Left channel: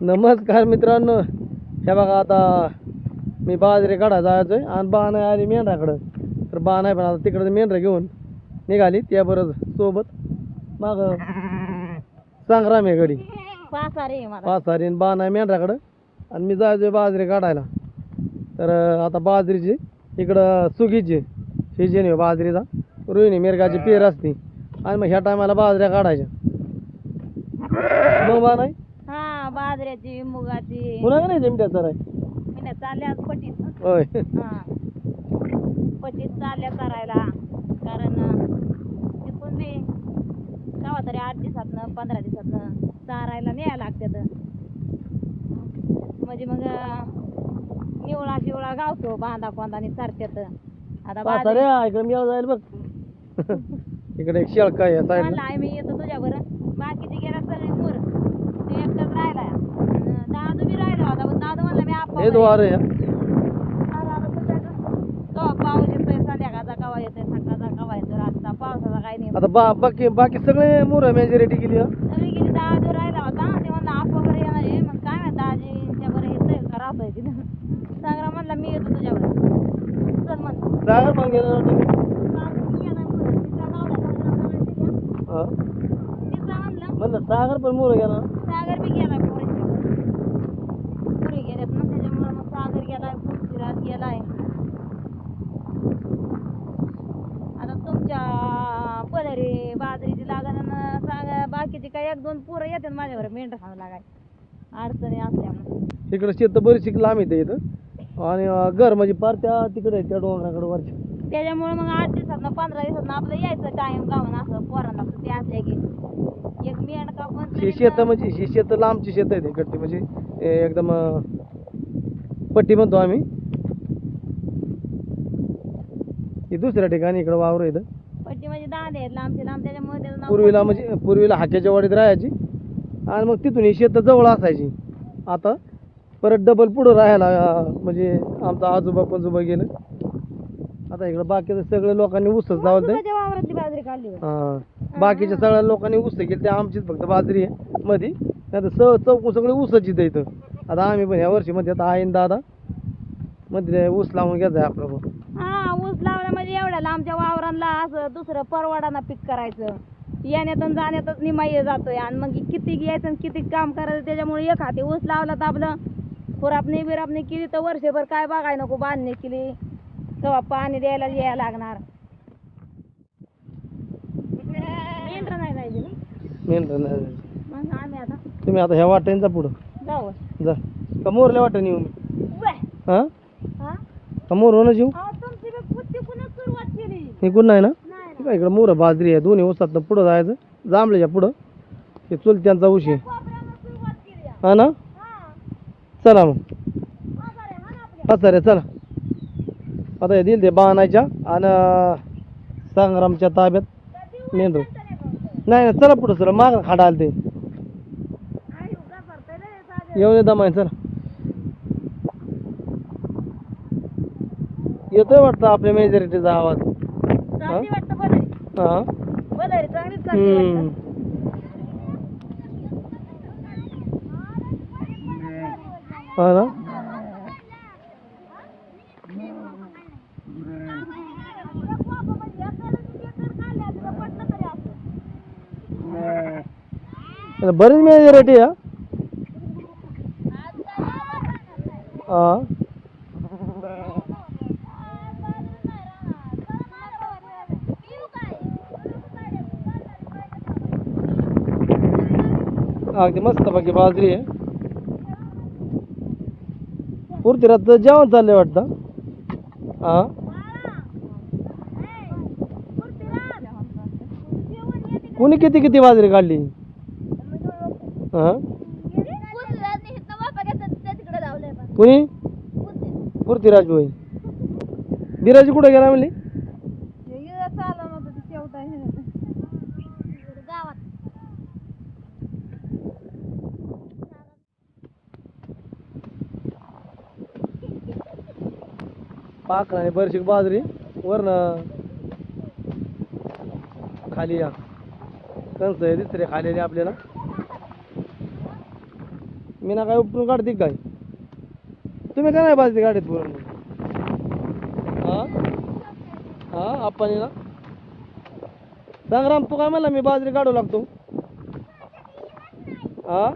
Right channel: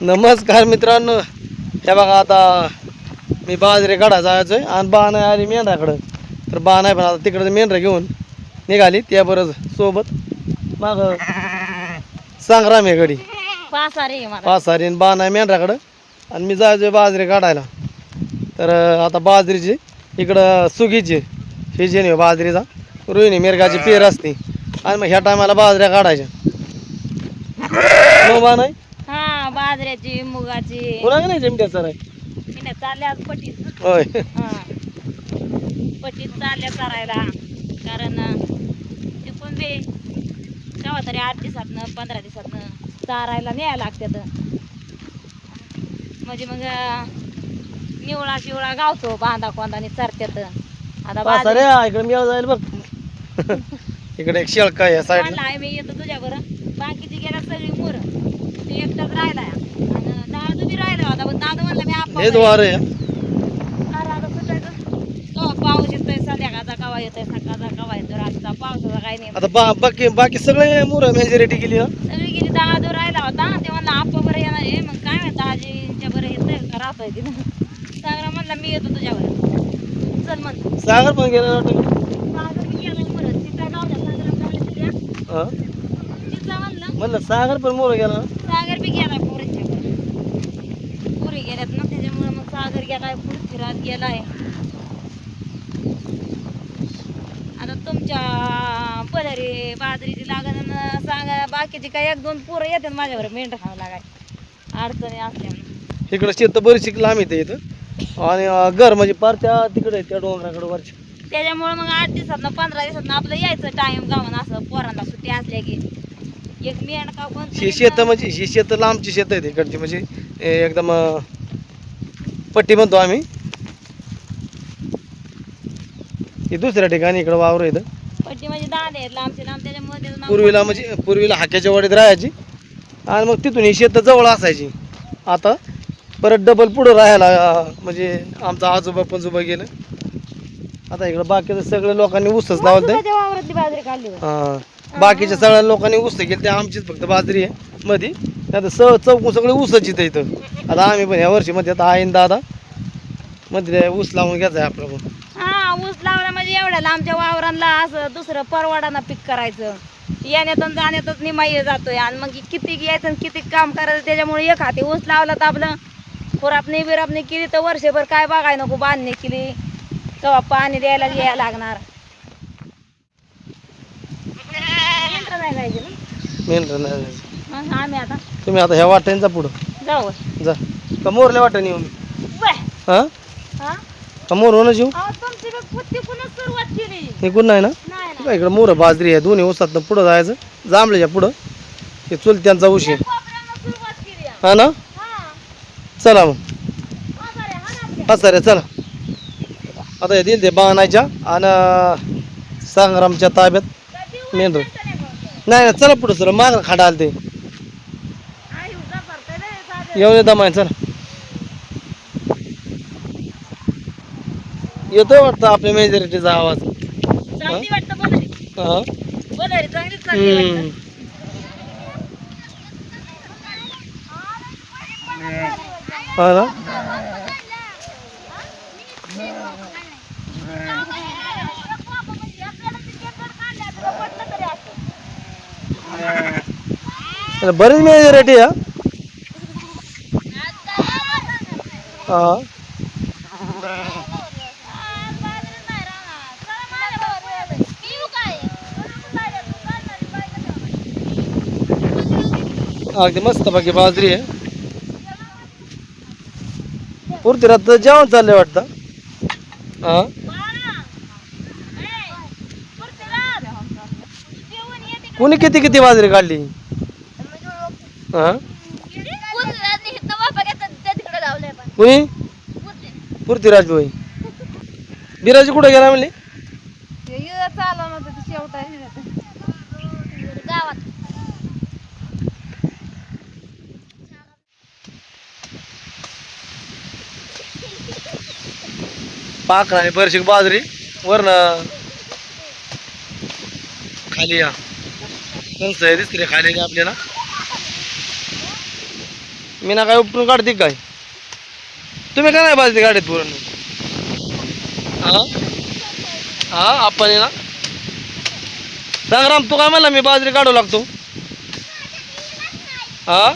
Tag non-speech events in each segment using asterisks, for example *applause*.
नमस्कार मित्रांनो. हे बघा आता मी बाजरे काढा जायचो आहे आणि बा नाही आली मेंढराकडं तर बा नाही पण आता तिकडं मेंढरं घेऊन निघाली त्याबरोबर सोबत. माग संग्राम आहे गडी पाच रे मला. पाच सारी आणि बा नाही मेंढराकडं आणि मी जायचो बाजरे काढायला. तर आता बाजरीची इकडं सुगीची ही जी नाही बाजरीचा रोहिणी मिरगाची पेर असते. आणि मग ह्या टायमाला बाजऱ्या काढायच्या. मग बा नाही बाजऱ्याची मुगाची. पुन्हा नाही जेमट्या सर मी चालल्या आज पटीत. होय. हा. पटीत चालल्या चरायला. कारण अं, तिकून बी केव्हा तरी आठ दिवसातनं पंधरा दिवसातनं चारायला न्यायला लागतात म्हणजे मग निवळा शिवळा गावतो बांधा कोंदाने चरत्यात. आता बाजरी- सारे इकडे मी जाईल बघ. *laughs* इकडे एक शेळका आहे या म्हणलं आहे मी येतो तुझ्या बरं. बाकीची गेल्या सगळी मोर ते एकटाच राहिला आणि दादू बी राहिला होता पण दादू म्हणला मी हे द्वार आहे. पाऊस येतोय संध्याकाळचा कवा येतोय सकाळचा कवा येतोय. रातचा पावसाचा काही नाही आता बा बाकी बाकी सगळे मुलं मेजॉरिटी हं. सगळी गेली. दादू राहिला होता. ते म्हणला आप्पा बरं येणार आहे. मग काय माहिती दाजीच्या बरं येतोय का? राहतोय तिथं सांगरा म्हणला मी येतो तुझ्या बरं चल मग. सागर पण गेला वाटतं सागर बी गेला परत. तिचा गावला सागरा म्हणलं तिच्या हं. म्हणलं सागर पण मोर गेला ना. सागर बी गेलाय पोरींच्या पुरी गेल्यात ना त्याच्यामुळे मग सागर गेलाय पृथ्वीराज गेलाय. आता तुमच्या पदरी बाजरीची लागण सांगा बाकीची काय एक दोन पोरं येतात माझ्यावर मेंढर खावं लागाय. अडचणी असल्यामुळे इकडं शेत बरीचशी लांब येते इथं. आणि अं, घर म्हणजे पार त्या तिकडे आहे, त्या डोंगराकडे वरच्या त्याच्यामुळे मग आठ दिवसात पंधरा दिवसात आपलं यायचं टाइम गावून असं पोरांना सुट्टी असल्या की. एक मेंढका पण ही शेत म्हणजे ही शेत लांबची शेत आहे इकडची म्हणजे ए, एकदम अं, पट्टी म्हणतो आम्ही. ही दुसऱ्या ठिकाणी इकडं वावर आहे इथं. पट्टी म्हणजे दांडे आहेत लांबचे लांब त्याच्यामुळे त्याचं नाव पूर्वीला म्हणजे पूर्वीला हाक्याच्या वाडीत राहायची. आणि मग तिथून ही शेत जवळ असायची. आता परत डबल पुढं राहायला अं, म्हणजे आमचा आजोबा पंजोबा गेलं. आता इकडं बाकीचं सगळ्या लोकांनी ऊसच लावलं ते वावरातली बाजरी काढली. हा. बाकीच्या सगळ्या लोकांनी ऊस ते आमचीच फक्त बाजरी आहे मध्ये नाही तर स चौकून सगळी ऊसच इथं इथं. आता आम्ही पण या वर्षी मध्ये आता आईन दादा मध्ये ऊस लावून घ्यायचा आहे पण. हा ऊस लावला म्हणजे एवढ्या आमच्या वावरांना असं दुसरं परवाडाना पीक करायचं. येण्यातून जाण्यातच निमाई जातोय आणि मग किती यायचं आणि किती काम करायचं त्याच्यामुळे एक हाती ऊस लावला तर आपलं खुरापणी बिरापणी केली तर वर्षभर काय बघाय नको बांधणी केली. तेव्हा पाणी द्यायला यायला लागणार. मेंढरं नाही जायचे ना? मेन नाही मग आम्ही आता तुम्ही आता ह्या वाट्याने जा पुढं. जाऊ. जा. का मोरल्या वाट्याने येऊन बाय. हा? हा? का मोर होणं येऊ? अहो, तुमची बी बुद्धी पुन्हा सुरुवात केली. निघून नाही ना? नाही काय इकडं मोर बाजरी आहे. दोन्ही ऊसात पुढं जायचं. जांभळीच्या पुढं. हे चुलत्यांचा ऊस आहे कोपऱ्यानं सुरुवात केली आहे. हा ना? हा. चला मग. हा ना आपल्या. हा सर चला. आता हे दिल ते बाणायच्या आणि संग्रामच्या ताब्यात. कधी मेंढर नाही नाही चला पुढं सर माग खाडा आलं ते. येऊन येता माय चला येतोय वाटतं आपल्या मेजॉरिटीचा आवाज. हा. हम्म. हा ना अरे बरीच मेजॉरिटी या हां? अगदी मस्त बाकी बाजरी आहे. पुरती रात जेवण चाललंय वाटतं. हा? कुणी किती किती बाजरी काढली? हा? कुणी? पुरती राजभाई बिराजी कुठे गेला म्हणले? पाखर आणि बरशी बाजरी. वरनं खाली या. कंस आहे दिसते खाली आपल्याला. मी ना काय उपटून काढते काय? तुम्ही का नाही बाजली गाडीत पुरण? हा? हा आपण ना. संग्राम तू काय म्हणला मी बाजरी काढू लागतो? हा?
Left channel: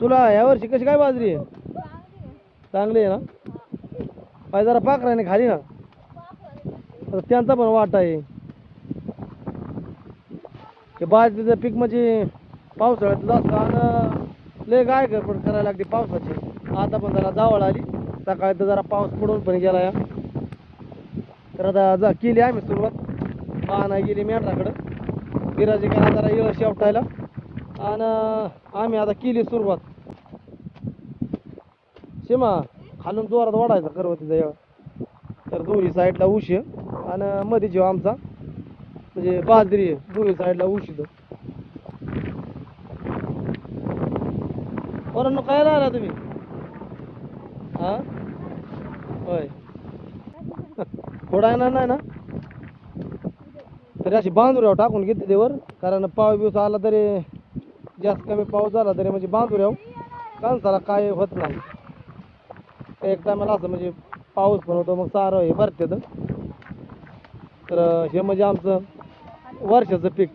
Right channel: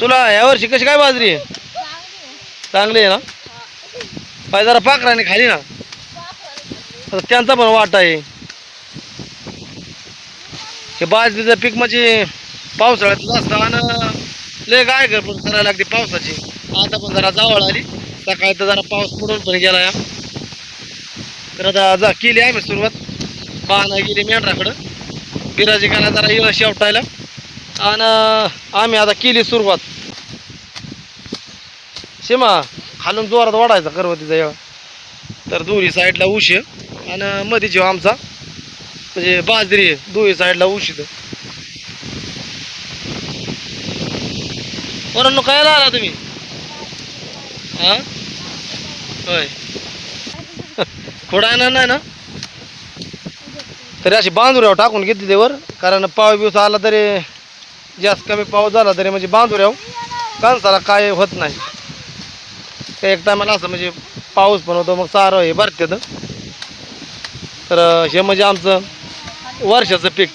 तुला यावर्षी कशी काय बाजरी आहे? चांगली आहे ना? पाय जरा पाकराने खाली ना. आता त्यांचा पण वाटा आहे. हे बाजरीचं पीक म्हणजे पावसाळ्यात जास्त आणि लय गाय कर पण करायला लागते पावसाची. आता पण जरा जावळ आली. सकाळी तर जरा पाऊस पडून पण गेला या तर आता जा केली आम्ही सुरुवात. पाहणं गेली मेंढराकडं. बिराजी गेला जरा येळ शेवटायला. आणि आम्ही आता केली सुरुवात. सीमा खालून जोरात वाढायचा करवतीचा येळ तर दोन्ही साईडला उशी आणि मध्ये जेव्हा आमचा. म्हणजे बाजरी दोन्ही साईडला ऊस पोरांनो काय आला तुम्ही? हा? होय. खोडा येणार नाही ना? तरी अशी बांधुऱ्यावर टाकून घेते त्यावर कारण पाव बिवस आला तरी जास्त कमी पाऊस झाला तरी म्हणजे बांधुऱ्यावर कांसाला काय होत नाही. एक टायमाला असं म्हणजे पाऊस पण होतो मग सारं हे भरते तर हे म्हणजे आमचं वर्षाचं पीक.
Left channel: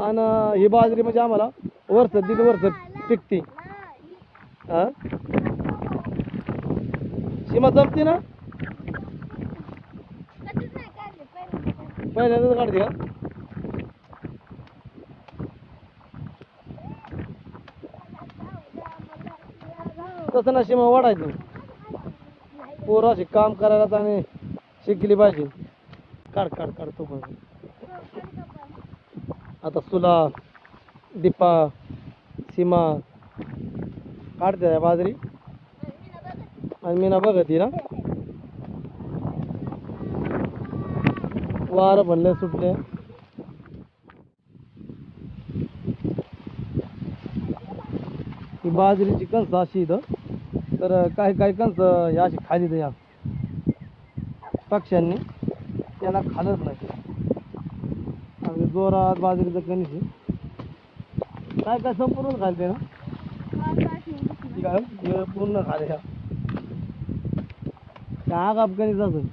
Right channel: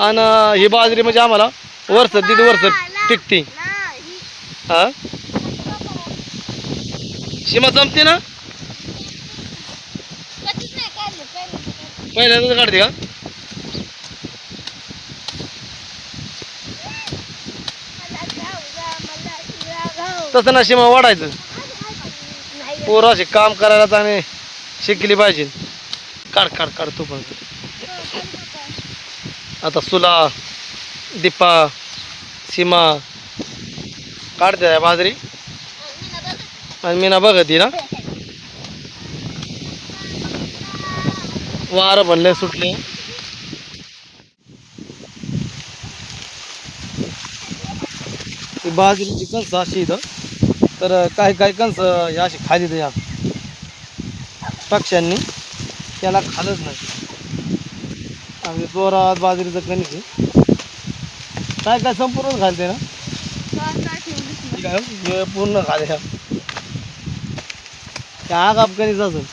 आणि ही बाजरी म्हणजे आम्हाला वर्ष दीड वर्ष पिकती. हा? सीमा जमते ना? पहिल्यांदाच काढते का? तसं ना सीमा वाढायचं. पोरं असे काम करायला आणि शिकली पाहिजे. काढ काढ काढ तू पण. आता सुला दीपा सीमा काढते आहे बाजरी. आणि मी ना बघत ना. वार बनले सुटले. बाजरीची कणसं अशी इथं तर काही काही कणसं या अशी खाली या पक्ष्यांनी. त्याला खालच नाही. आणि जोरात बाजरीचं कणिक आहे. काय काय संपूर्ण घालते ना? ठीक आहे हे पूर्ण खाले त्या आग अफगाणीच असेल.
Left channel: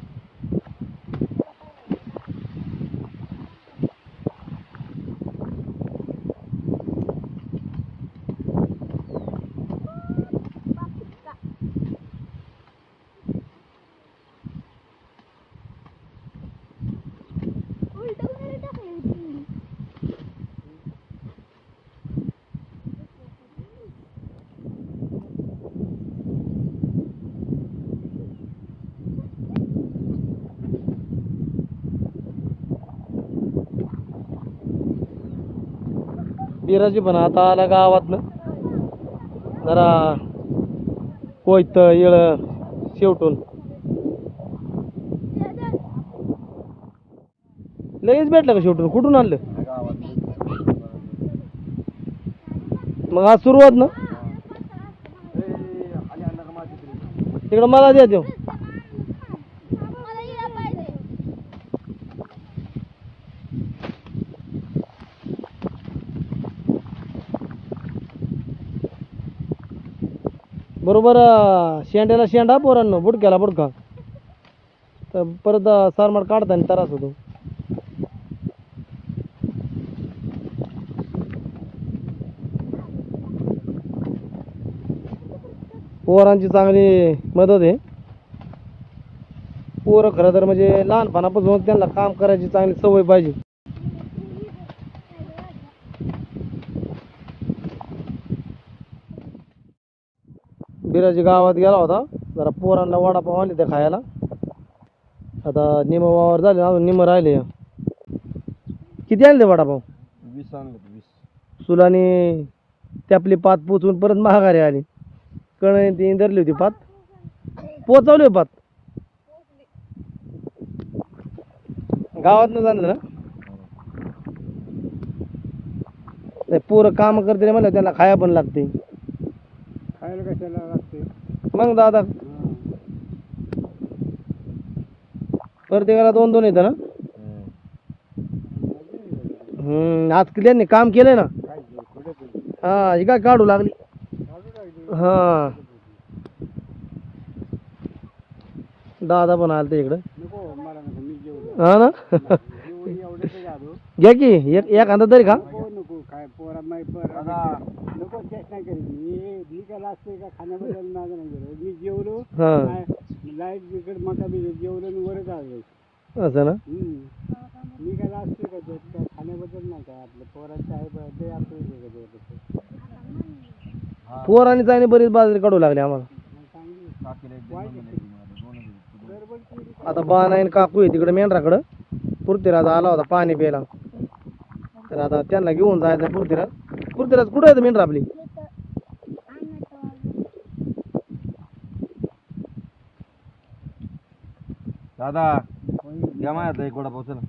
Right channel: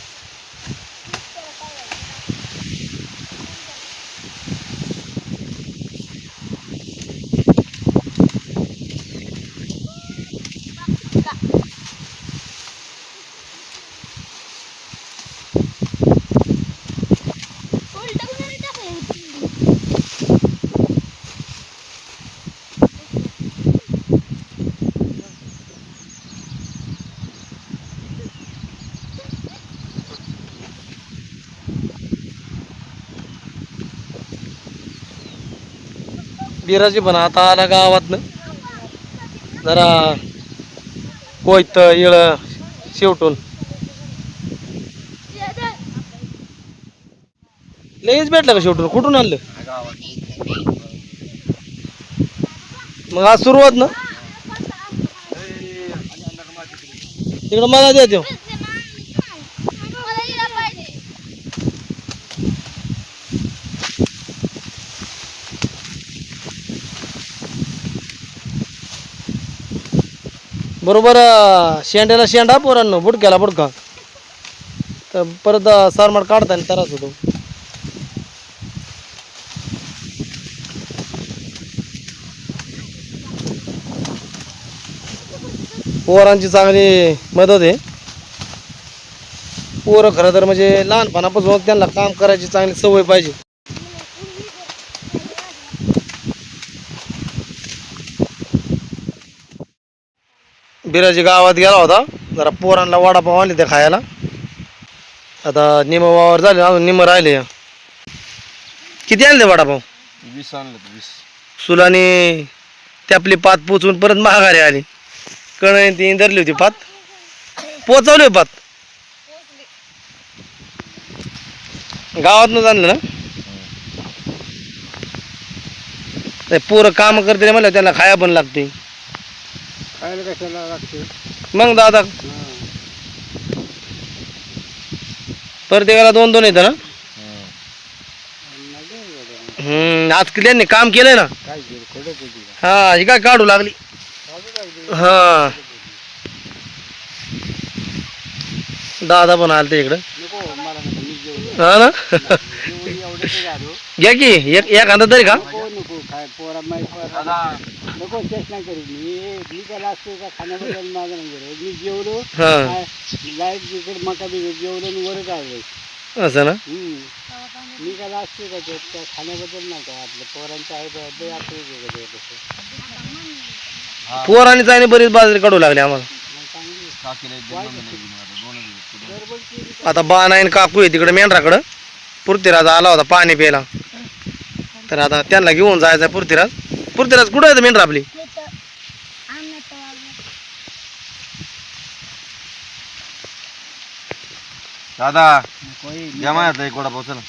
बिराजी पण आता आला गावातनं. जरा कोयत इळ शेवटून. लगेच भेटलं का शेवटून? कुठून आणलं? मग आज सुरुवात ना? तिकडं मला द्या देऊ बरोबर शेंड्याला शेंडा पोरांनो बुडक्याला बुडका. तर परत सारमाड काढताना त्रास होतो. पोरांची चांगली मदत आहे. पोरं खरं तर म्हणजे लहानपणापासून त्यांना काम करायची चांगली सवय पाहिजे. बिराजी गावात गेला होता. जरा पोरांना वडापाव आणले ते खायला. आता निम वावर झाले अजून निम राहिले. किती आणले वडापाव? वीस आणलं वीस. सुलाने ते आपली पात पोचून परत महागारी आली. कण ती धरली होती पात. पोचवली पात. गावातनं आणलं ना? पोरं काम करते म्हणलं त्यांना खाया पण लागते खायला कशाला लागते मग दादा. प्रत्येकाला दोन दोन येतं ना? हम्म आज त्यांनी काम केलंय ना? काय हा ही काय काढू लागली. हा. दादा पण आलते इकडं. नको मला नको मी हा ना? जेवढी एवढे ते झालो घ्या की एक एखादा तरी का नको नको काय पोरा पोरा नको चेष्टा करीत मी. मी त्याला असतो का खाण्याबद्दल *laughs* माझं नाही गेलं मी जेवलो हा. लाइट तिकडे मका बी जेवलो आणि वरच आलो. असं ना? हम्म. मी त्याला असतो का ते? त्या खाण्याबद्दल नाही काय आपलं? पोरांचं आहे बा, ते हे तसं. पोरांनी आणि बरीच बाजरी काढू लागली आम्हाला. मग चांगली गडबड केली आता बानाईन काकू आहे तिकडे मेंढराकडं. पृथ्वीराज आला होता पाणी प्यायला. तर आता त्यांना घेऊन जायचं आहे पृथ्वीराज. पृथ्वीराज कुठं आहे मेंढर आपली? दादा या माझ्या एक वडापाव चला.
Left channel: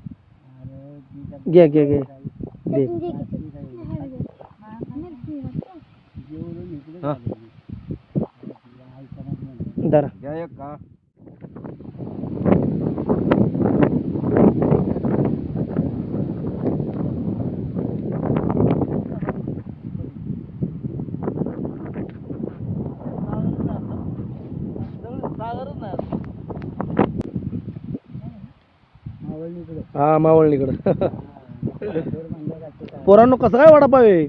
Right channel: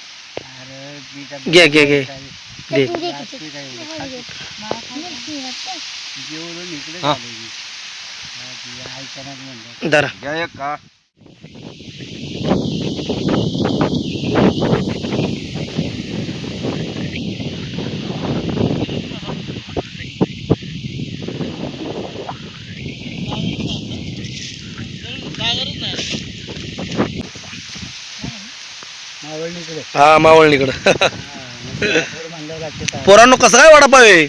घे घे घे. दे हा. दरा घ्या एक का हा मावळणीकडं. *laughs* पोरांनो कसं काय वडापाव आहे?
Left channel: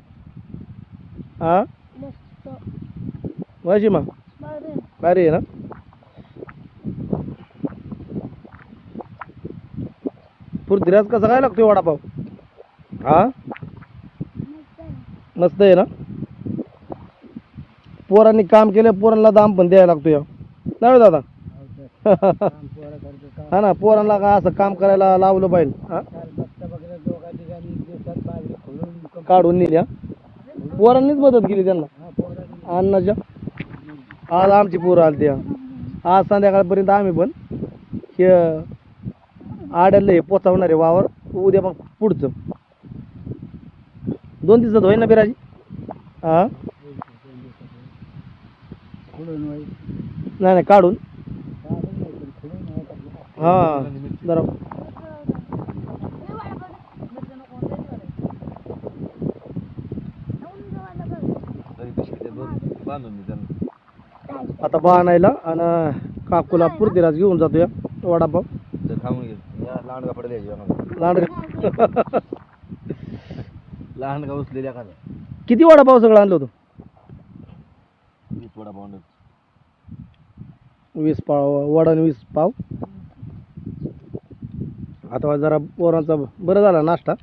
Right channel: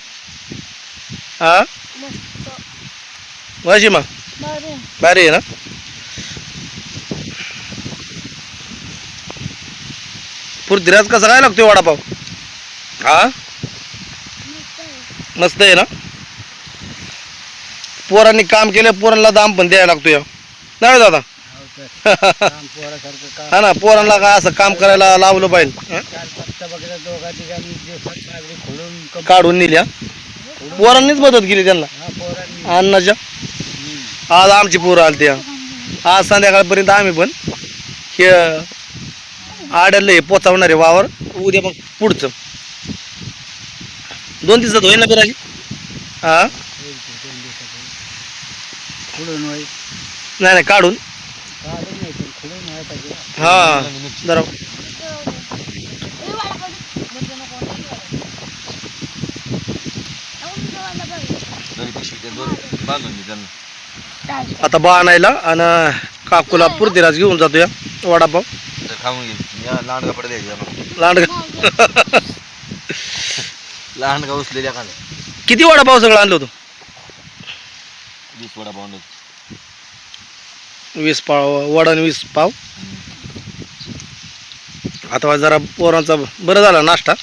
हा? वाशी मग भारी. आहे ना? पृथ्वीराज कसा काय लागतोय वडापाव? हा? मस्त आहे ना? पोरांनी काम केलं पोरांना दाम पण द्यायला लागतोय. नाही दादा? *laughs* हा ना पोरांना काय असं काम करायला लावलं पाहिजे? काढून नेली हा पोरांनीच मदत केली त्यांना. अन्नाच्या. आज आमची पोरं आली त्या आज संध्याकाळपर्यंत आम्ही पण हे आडलं हे पोचावणार वावर. उद्या मग पुढचं. दोन दिवसात होईल ना बिराजी? हा? नाही नाही काढून. हा जरा आता बा आणायला आणि काकूला पृथ्वीराज घेऊन जातो या वडापाव खाऊन घे. या लांडगा लांडगा. लहान का उचलेल्या का किती वडापाव सगळं आणलं होतं? वीस वडापाव आणले. वीस पाव वडा आणि वीस पाव. आता जरा पोरांचा बरं झाला नाश्ता.